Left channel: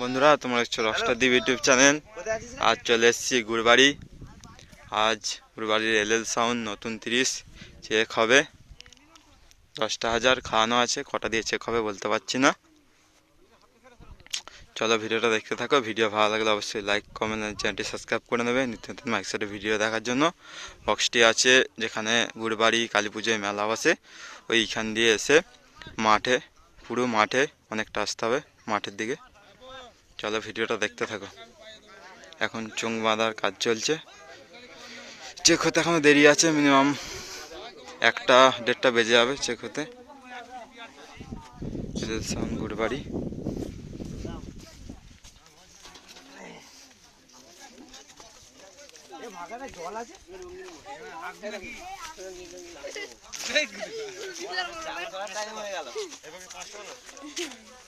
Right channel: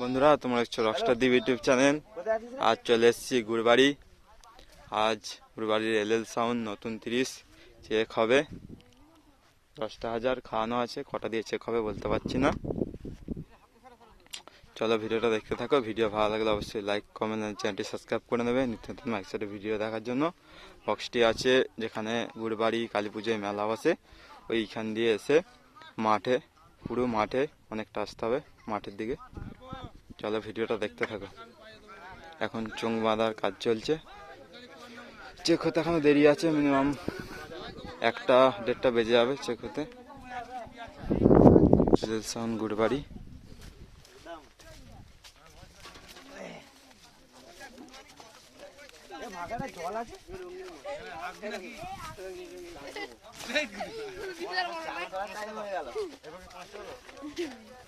বন্ধুরা তোমরা দেখছ রকস্টার দিব ইউটিউব চ্যানেল আজ চলে এসেছি গুড়বাড়ি আজ গুড়বাড়ির এল এল সাউন্ড নতুন তিরিশ চেক হবে। দশটা হাজার খাওয়ানো আছে কটা দিয়ে চেক হবে বলতে পারছি না। চলো ভিডিওটা দেখতে থাকো। ভিডিও ভালো লাগলে অবশ্যই লাইক কমেন্ট আর চ্যানেলটি সাবস্ক্রাইব করে নেবে। নিত্য নতুন মাইকসাইডে ভিডিও দেখার জন্য। বক্সটি আছে যেখানে গুড়বাড়ি কালী পুজোয় মেলা বসে ওইখান দিয়ে এসে মাঠে পুরো মাঠে অনেকটা আসতে হবে মাঠের দিকে। চলো ভিডিওটা দেখতে থাকো। এখন চোং বাঁধার কাজ চলছে। চেক হতে এখনও দেরি আছে মিনিমাম একটা দেড়টা বেজে যাবে চেক হতে। সাউন্ড গুড়বাড়ি। কি ও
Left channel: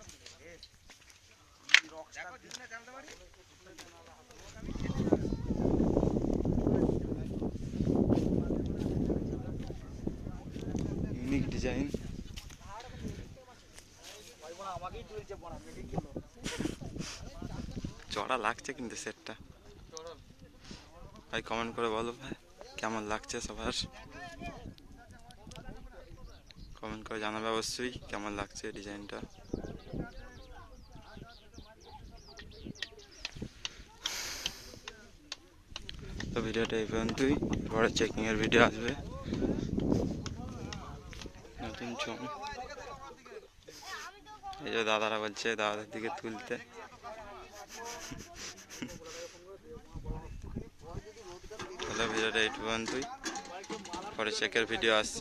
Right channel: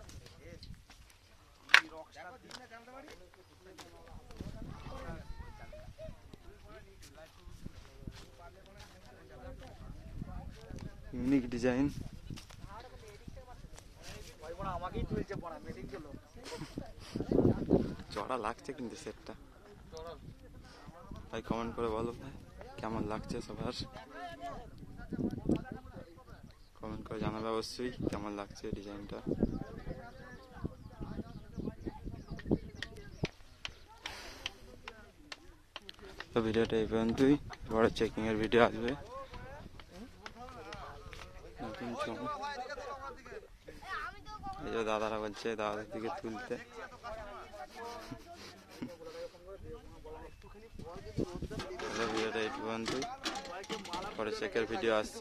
ইউনিক ডিজাইন। চড়া লাগছে কিন্তু সেটটা। ভাই কমেন্ট করে বলো ভাই, কেমন লাগছে সবার? কমেন্ট করে জানাবে অবশ্যই কেমন লাগছে ডিজাইনটা। ভিডিওটা এই পর্যন্তই, পরে চেকিংয়ের ভিডিও আসবে। নতুন এই যে দাদারা বলছে, দাদাদের দিকে তুলতে। হ্যালো ভিডিওটা এই পর্যন্তই। পরে চেকের ভিডিও আসছে।